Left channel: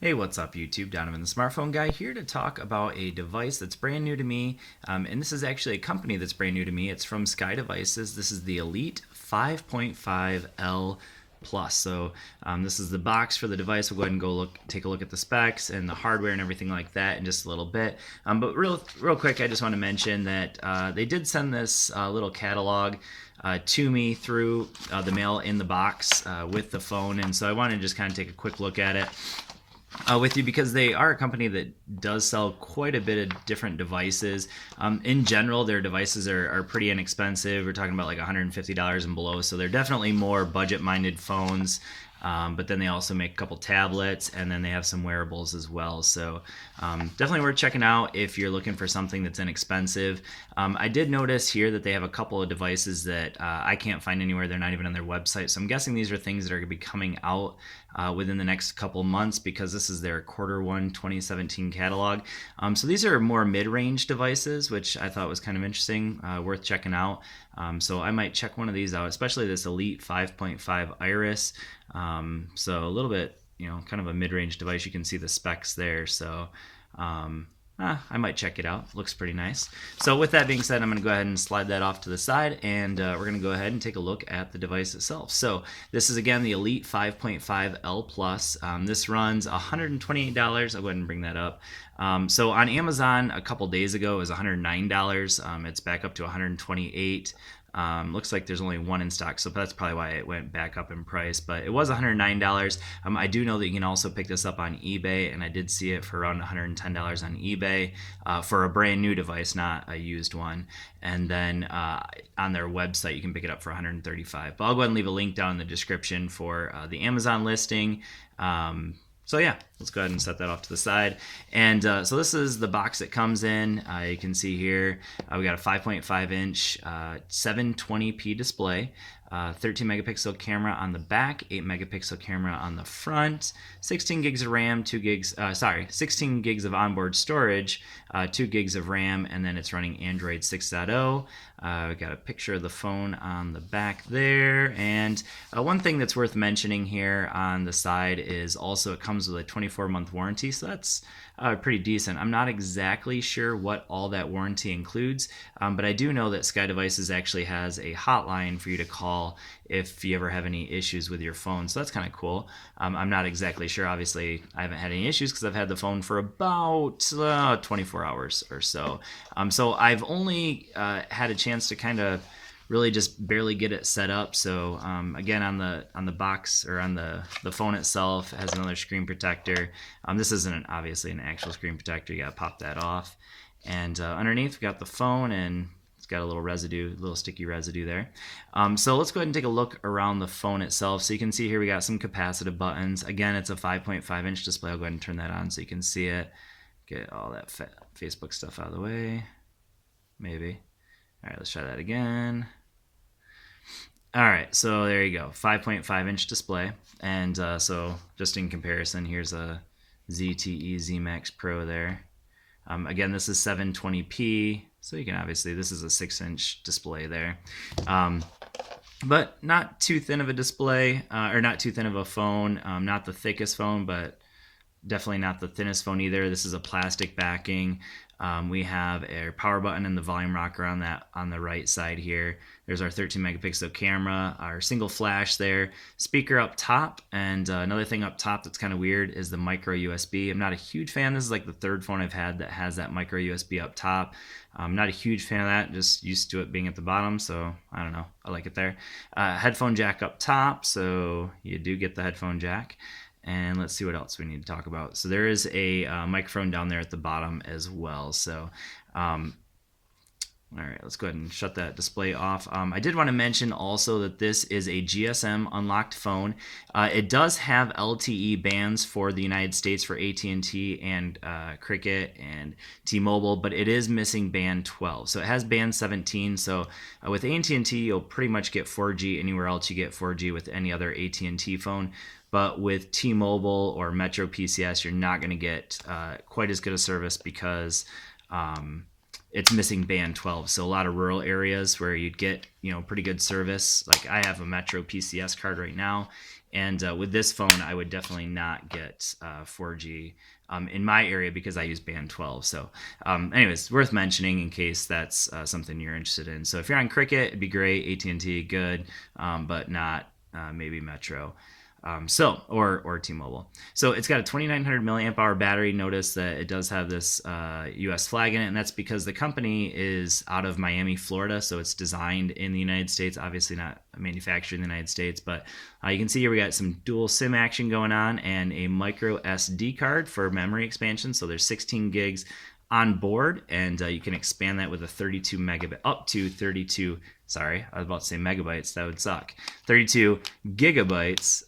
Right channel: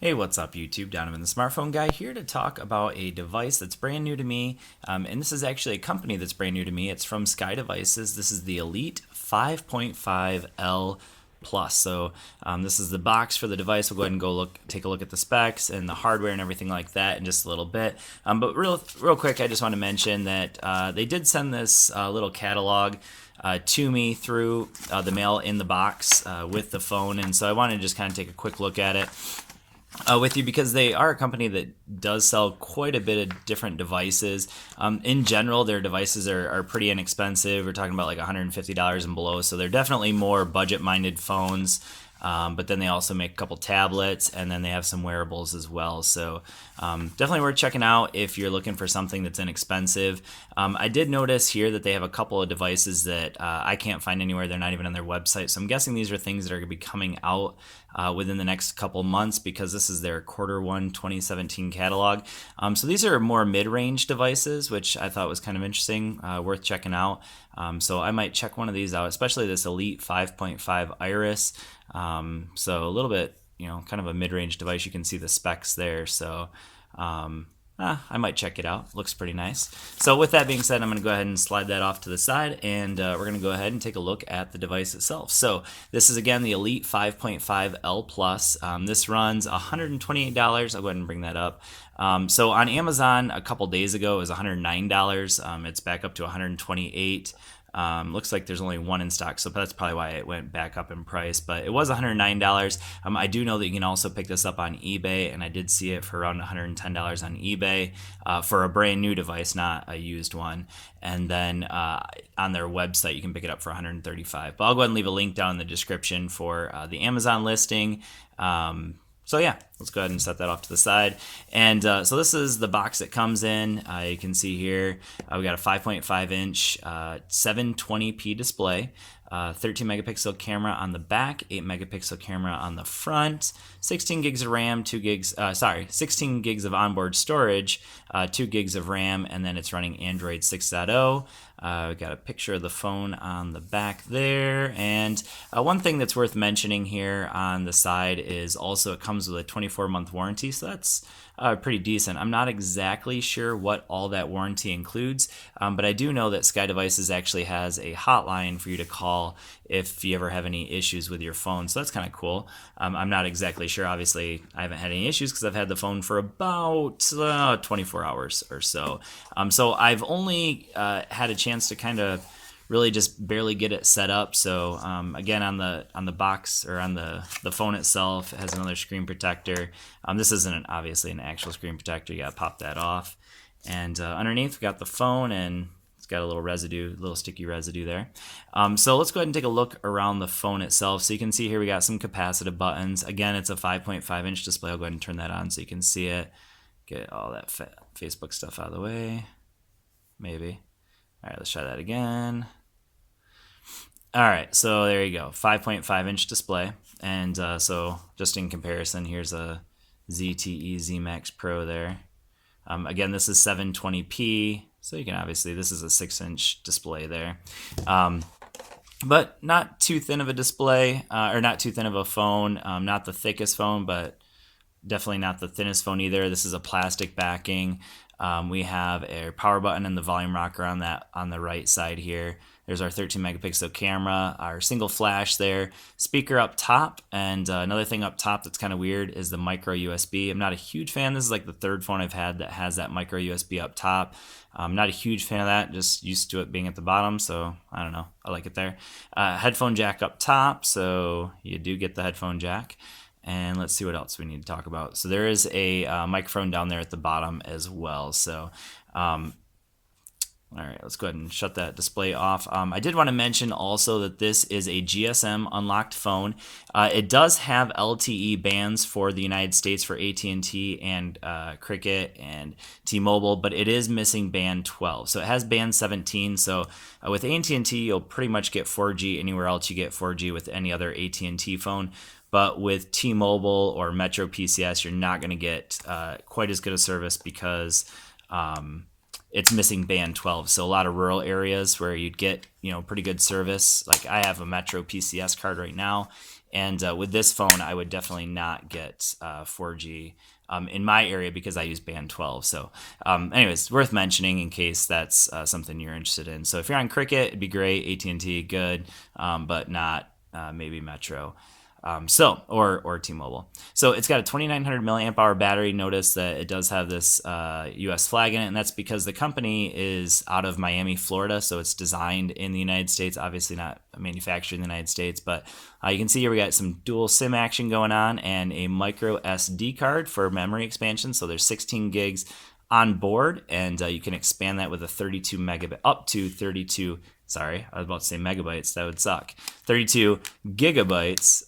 Hey, what's up, YouTube? Donovan, the smartphone guy, here to talk about a device that's brand new to me. And this is actually a company that's brand new to me. It's from Sky Devices. This is the Elite 5.5L Plus. This is the box for the device. We'll go ahead and take a look at the specs and the hardware and everything like that in just a little bit. But real quick, I just want to mention that they did send this little catalog to me through the mail in the box with the phone. And so I wanted to just kind of take a quick look at it with you because they are a company that does sell quite a bit of different devices. In general, their devices are pretty inexpensive. We're talking about like $150 and below, so they're definitely more budget-minded phones. But then they also make a couple tablets, and then they have some wearables as well. So definitely worth checking out if you're looking for something that's inexpensive. I did notice here that they have a couple of devices that I can't find anywhere. They're not even on their website. So I'm guessing these are things that are going to be coming out within the next couple months because this is their Q1 2017 catalog. So these are more mid-range devices, which I thought was kind of interesting, worth checking out. So I might check one of these out, especially this Elite 5.5 Iris. So a little bit, kind of a mid-range device. You can see the specs there. So I might check it out. Looks pretty nice. So with that being said, I'm going to go ahead and slide that off to the side, and we're going to go ahead and take a look at the device itself. So this is, again, the Elite 5.5L Plus. This runs $128. I'll go ahead and bring that up. So on Amazon a couple days ago it was $109. It's back up to $128. Looks like there's only one in stock, so that's probably why it went back up in price, but it was $109. I do know that you can also pick this up on eBay, and I did see it for around $110 on eBay for a brand new device, not a used one. And then on their website you can pick it up for $135. But I'll go ahead and leave a link down in the description for the Amazon listing. So yeah, let's go ahead and set that off to the side. And so this is the box it comes in. You can see here we got a 5.5 inch 720p display, 13 megapixel camera on the back, 8 megapixel camera on the front, 16 gigs of RAM, 16 gigs of onboard storage, 2 gigs of RAM, and then it's running Android 6.0. We got a picture of the phone on the back there, and one thing that's worth mentioning here on the side is also it comes with a 24-month warranty, so that's pretty decent. I'm not exactly sure what all that warranty includes, but I do know that Sky Devices actually has a hotline for you to call if you ever have any issues with your phone, so that's kind of cool. I'm not exactly sure. Obviously, I haven't had any issues because I've had the phone for about 24 hours or so. So I've only had a chance to kind of really just barely get it set up. So again, on the box or on the phone itself, it has another screen protector. This isn't obviously an actual screen protector. You gotta pop that off. And underneath we got the phone, and it's got a little sticky residue there. So let's go ahead and take a look around the phone itself. So you can see here we got some capacitive buttons. Again, it's a 5.5 inch display. I'll go ahead and turn that on so you can see it. Get all that Facebook stuff out of the way. Maybe. All right, let's try that again. All right, so there you go, 5.5 inch display. And so just in comparison, here's a ZTE Z Max Pro there. Again, this is 720p, so you can obviously, this is a 6-inch display there. But not too thin of a display, or not too thin of a phone, not the thickest phone, but definitely not the thinnest phone either. This is a plastic backing. We have a power button and the volume rocker on the right side here. There's our 13 megapixel camera, our single flash there, speaker up top, and another thing up top that's kind of weird is the micro USB. I'm not a huge fan. This is like the third phone I've had that has that micro USB up top. I'm not a huge fan of that, just used to it being at the bottom, so I don't know, I like it there. Headphone jack up top, so you do get the headphone jack. And let's see what else we need to talk about. So there is a microphone down there at the bottom as well. So all right, let's go ahead and shut that display off. I did want to mention also that this is a GSM unlocked phone. It does have LTE bands for the United States for AT&T and Cricket and T-Mobile, but it is missing band 12. So it has band 17. So with AT&T, you'll pretty much get 4G anywhere else you get 4G with any other AT&T phone. But with T-Mobile or Metro PCS, you're not going to get quite as good a service because it's missing band 12. So a lot of rural areas where you'd get, pretty good service. Like I have a Metro PCS card right now, And with this phone, I would definitely not get 4G in my area because I use band 12. So anyways, worth mentioning in case that's something you're interested in. So if you're on Cricket, it'd be great. AT&T, good, but not maybe Metro. Or T-Mobile. So it's got a 2,900 milliamp hour battery. Notice that it does have this U.S. flag in it, and that's because the company is out of Miami, Florida. So it's designed in the United States, obviously not manufactured in the United States. But you can see here we got some dual SIM action going on and a micro SD card for memory expansion. So there's 16 gigs on board, and you can expand that with a 32 megabit up to 32. Sorry, I was about to say megabytes. That would suck. 32 gigabytes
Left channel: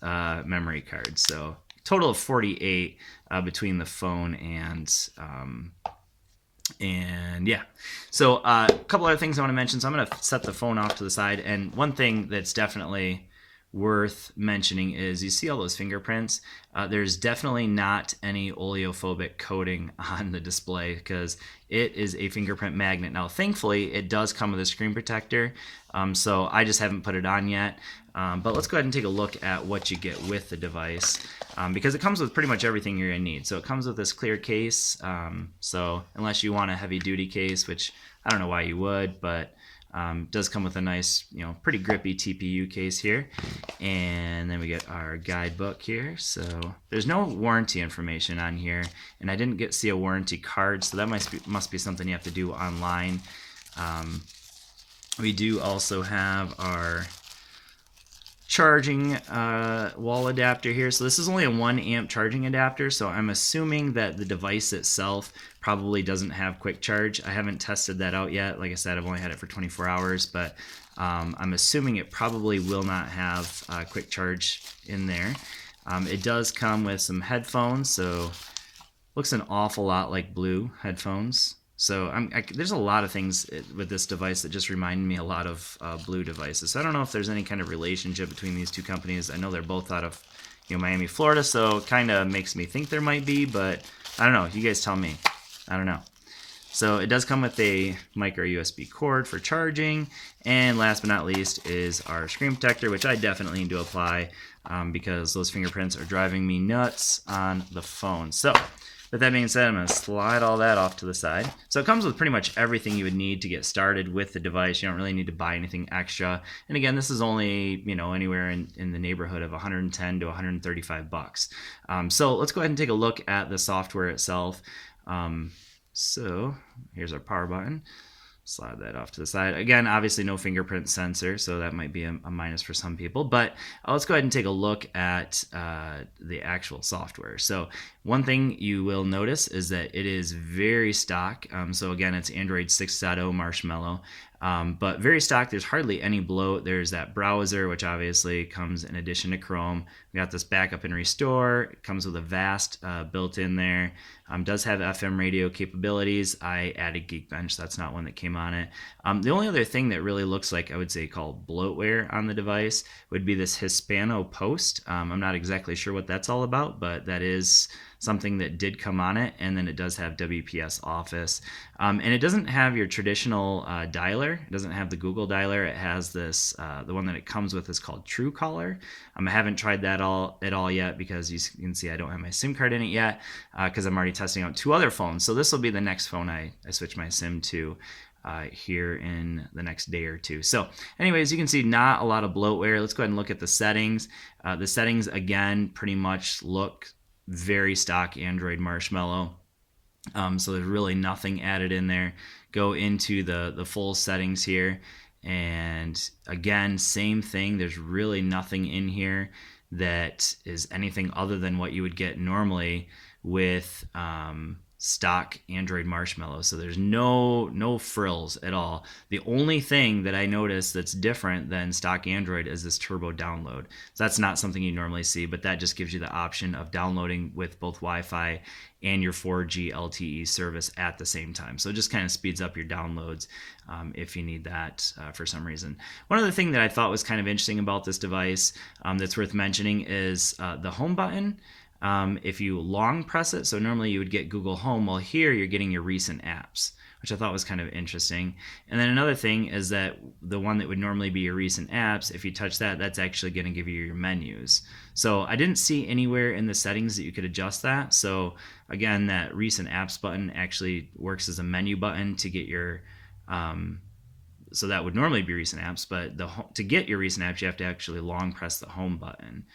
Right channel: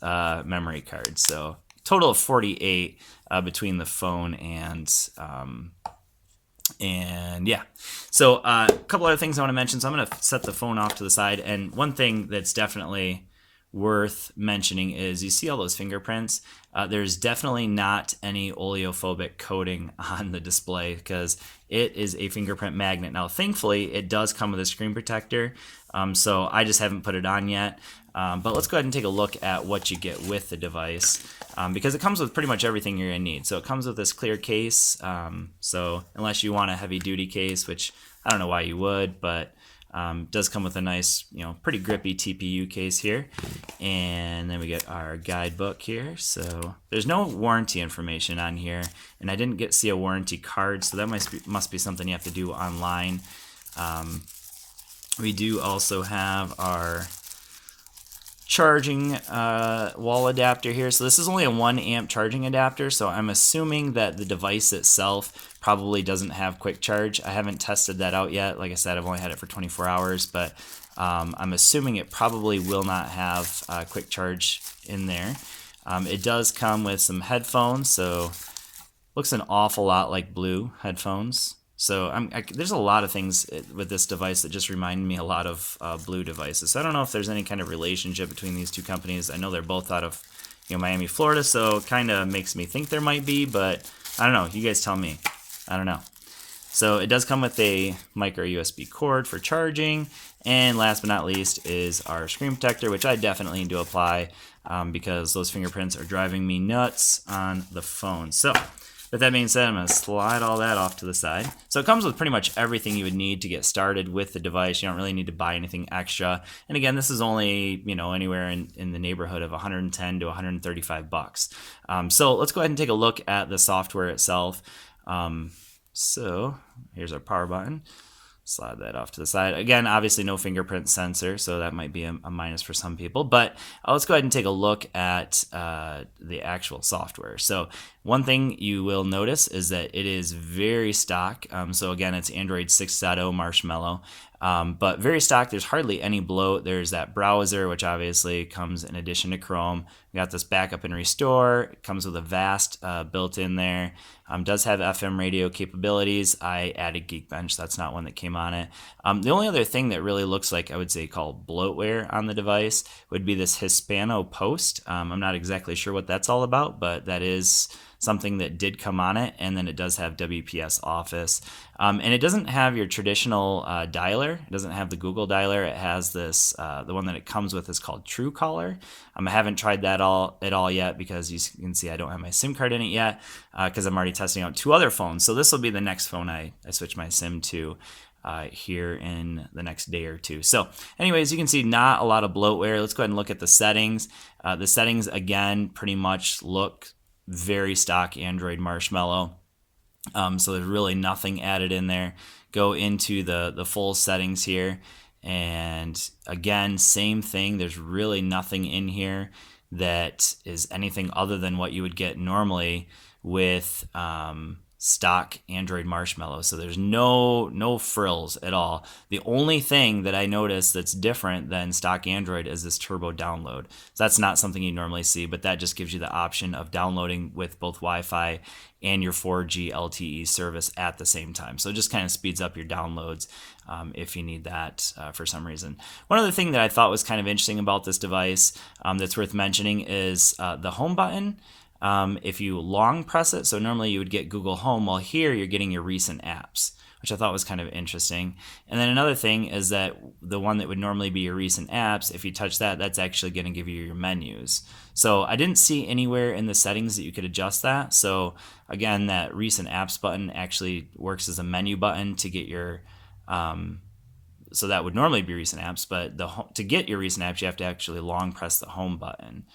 memory card. So total of 48 between the phone and yeah. So a couple other things I want to mention. So I'm going to set the phone off to the side. And one thing that's definitely worth mentioning is you see all those fingerprints. There's definitely not any oleophobic coating on the display because it is a fingerprint magnet. Now, thankfully, it does come with a screen protector, so I just haven't put it on yet. But let's go ahead and take a look at what you get with the device because it comes with pretty much everything you're going to need. So it comes with this clear case, so unless you want a heavy-duty case, which I don't know why you would, but does come with a nice, pretty grippy TPU case here. And then we get our guidebook here. So there's no warranty information on here, and I didn't see a warranty card, so that must be something you have to do online. We do also have our charging wall adapter here. So this is only a 1 amp charging adapter, so I'm assuming that the device itself probably doesn't have quick charge. I haven't tested that out yet. Like I said, I've only had it for 24 hours, but I'm assuming it probably will not have quick charge in there. It does come with some headphones, so looks an awful lot like Blue headphones. So there's a lot of things with this device that just remind me a lot of Blue devices. So I don't know if there's any kind of relationship between these two companies. I know they're both out of Miami, Florida, so it kind of makes me think there might be, but I don't know. You guys tell me. I don't know. So it does come with a micro USB cord for charging, and last but not least is our screen protector, which I definitely need to apply because those fingerprints are driving me nuts on the phone. So with that being said, I'm going to slide all that off to the side. So it comes with pretty much everything you would need to get started with the device. You don't really need to buy anything extra. And again, this is only, anywhere in the neighborhood of 110 to 135 bucks. So let's go ahead and take a look at the software itself. So here's our power button. Slide that off to the side. Again, obviously no fingerprint sensor, so that might be a minus for some people. But let's go ahead and take a look at the actual software. So one thing you will notice is that it is very stock. So again, it's Android 6.0 Marshmallow. But very stock. There's hardly any bloat. There's that browser, which obviously comes in addition to Chrome. We got this backup and restore. It comes with a VAST built in there. Does have FM radio capabilities. I added Geekbench. That's not one that came on it. The only other thing that really looks like, I would say, called bloatware on the device would be this Hispano Post. I'm not exactly sure what that's all about, but that is something that did come on it, and then it does have WPS Office. And it doesn't have your traditional dialer. It doesn't have the Google dialer. It has this, the one that it comes with is called Truecaller. I haven't tried that at all yet because you can see I don't have my SIM card in it yet because I'm already testing out 2 other phones. So this will be the next phone I switch my SIM to here in the next day or 2. So anyways, you can see not a lot of bloatware. Let's go ahead and look at the settings. The settings, again, pretty much look very stock Android Marshmallow. So there's really nothing added in there. Go into the full settings here. And again, same thing. There's really nothing in here that is anything other than what you would get normally with stock Android Marshmallow. So there's no frills at all. The only thing that I noticed that's different than stock Android is this turbo download. So that's not something you normally see, but that just gives you the option of downloading with both Wi-Fi and your 4G LTE service at the same time. So it just kind of speeds up your downloads if you need that for some reason. One other thing that I thought was kind of interesting about this device that's worth mentioning is the home button. If you long press it, so normally you would get Google Home, well here you're getting your recent apps, which I thought was kind of interesting. And then another thing is that the one that would normally be your recent apps, if you touch that, that's actually going to give you your menus. So I didn't see anywhere in the settings that you could adjust that. So again, that recent apps button actually works as a menu button to get your, so that would normally be recent apps, but to get your recent apps, you have to actually long press the home button.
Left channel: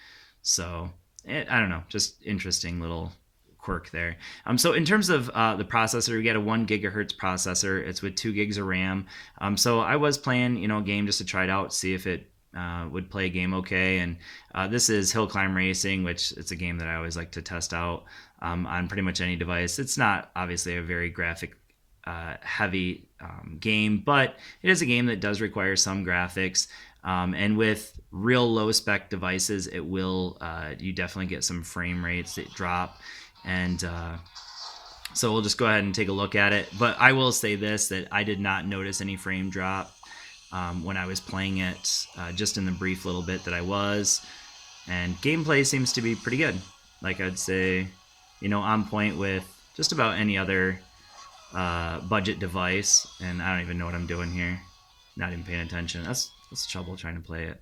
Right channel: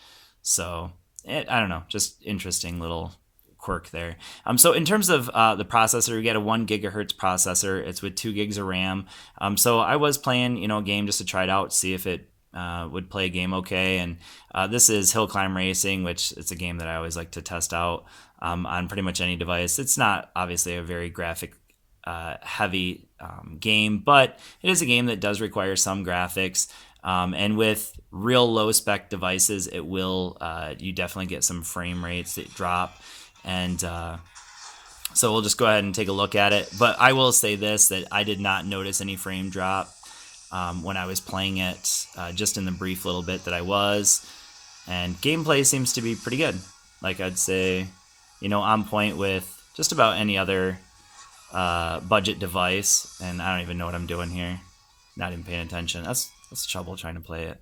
So I don't know, just interesting little quirk there. So in terms of the processor, we get a 1 gigahertz processor. It's with 2 gigs of RAM. So I was playing, a game just to try it out, see if it would play a game okay. And this is Hill Climb Racing, which it's a game that I always like to test out on pretty much any device. It's not obviously a very graphic heavy game, but it is a game that does require some graphics. And with real low spec devices, it will, you definitely get some frame rates that drop. And so we'll just go ahead and take a look at it. But I will say this, that I did not notice any frame drop when I was playing it, just in the brief little bit that I was. And gameplay seems to be pretty good. Like I'd say, on point with just about any other budget device. And I don't even know what I'm doing here. Not even paying attention. That's trouble trying to play it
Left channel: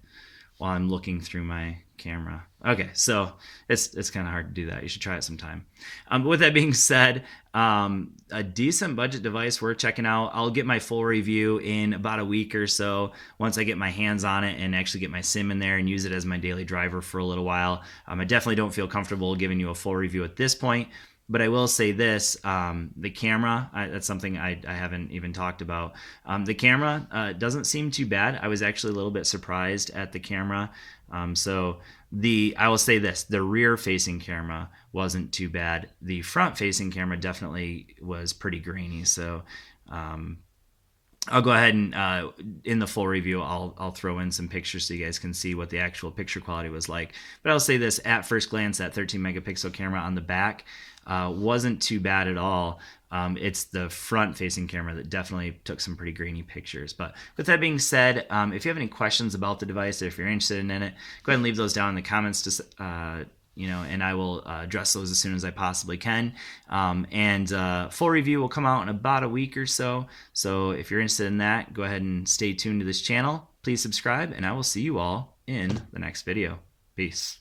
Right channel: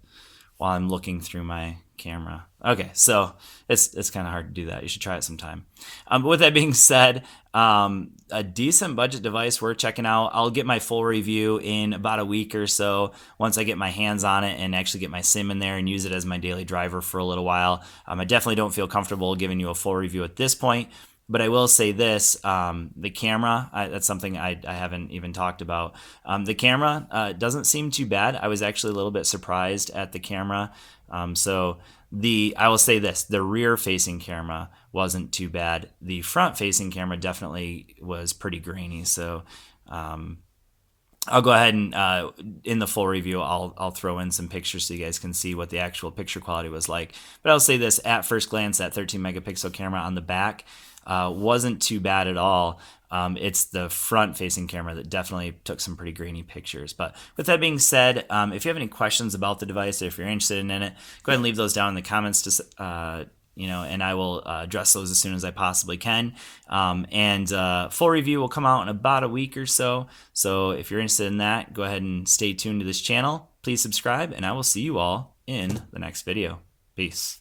while I'm looking through my camera. Okay, so it's kind of hard to do that. You should try it sometime. But with that being said, a decent budget device worth checking out. I'll get my full review in about a week or so once I get my hands on it and actually get my sim in there and use it as my daily driver for a little while. I definitely don't feel comfortable giving you a full review at this point. But I will say this, the camera, that's something I haven't even talked about. The camera doesn't seem too bad. I was actually a little bit surprised at the camera. I will say this, the rear-facing camera wasn't too bad. The front-facing camera definitely was pretty grainy. So I'll go ahead and in the full review, I'll throw in some pictures so you guys can see what the actual picture quality was like. But I'll say this, at first glance, that 13 megapixel camera on the back wasn't too bad at all. It's the front-facing camera that definitely took some pretty grainy pictures. But with that being said, if you have any questions about the device, or if you're interested in it, go ahead and leave those down in the comments, and I will address those as soon as I possibly can. Full review will come out in about a week or so. So if you're interested in that, go ahead and stay tuned to this channel. Please subscribe, and I will see you all in the next video. Peace.